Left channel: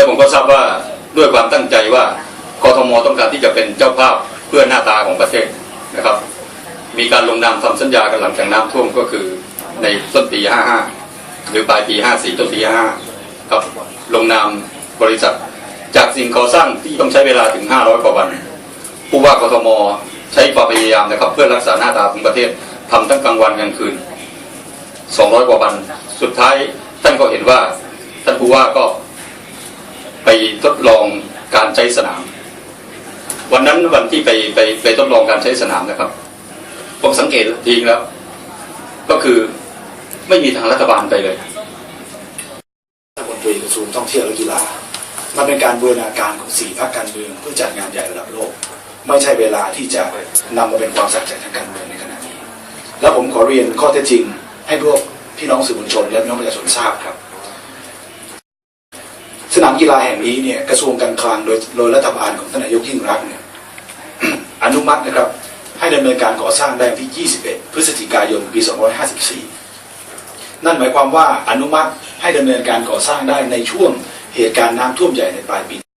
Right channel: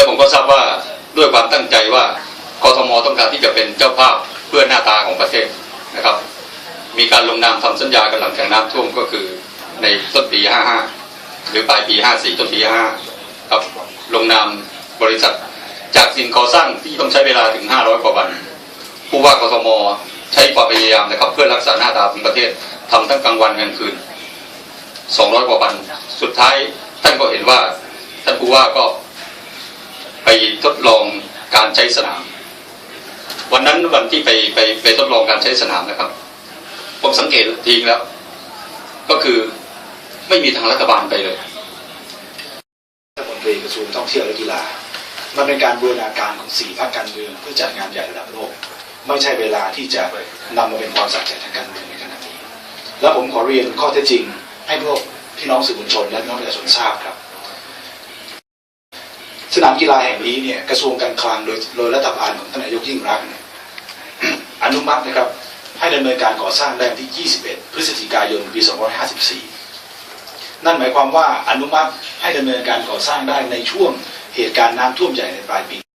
และผมก็ทราบว่าด้วยความตั้งใจว่ากทมต้องการที่จะเป็นเจ้าภาพเพื่อหน้าตาของประเทศนะครับ มีการลงนามทำสัญญากันหลังจากน้ำท่วมก็คือในต้นปี 55 หรือปลายปี 54 ต้นปี 55 ครับลงนามบริษัทจากสิ่งก่อสร้างที่ต้องใช้เวลาถึง 500 กว่าวัน ผู้ว่ากทมใช้ความพยายามนะครับ เพื่อรักษาหน้าตาของประเทศทำทั้งกลางวันกลางคืน 200 กว่าวัน สุดท้ายท่านก็เห็นว่าท่านผู้ว่าก็ ไปทดลองการใช้สนาม วันนั้นวันที่ไปไปไปทดลองการใช้สนามนะครับ ผมสังเกตทีแล้ว ก็คือไม่มีทางรัฐบาลไปเลยรัฐมนตรีกระทรวงท่องเที่ยวและกีฬามันเป็นการบูรณาการของสี่ภาคการเมืองเพื่อจัดงานใหญ่ระดับโลก ไม่ใช่เวลาที่จะนำมาเป็นความสักใจทางการเมืองในขณะนี้ แล้วผมขอเรียนข้อเท็จจริง ให้พวกพี่น้องสื่อมวลชนและน้องประชาชนทราบครับ สนามกีฬาแห่งนี้เนี่ยกระทรวงการคลังโดยโดยรัฐบาลของท่านนายกยิ่งรักษณ์เนี่ยอนุมัตินะครับให้ดำเนินการก่อสร้างได้ที่ 21 พฤศจิกายน ปี 2554 นั่นหมายความว่าอนุมัติให้ดำเนินการก่อสร้างได้ในช่วงเหตุการณ์น้ำท่วมใหญ่ในปลายปี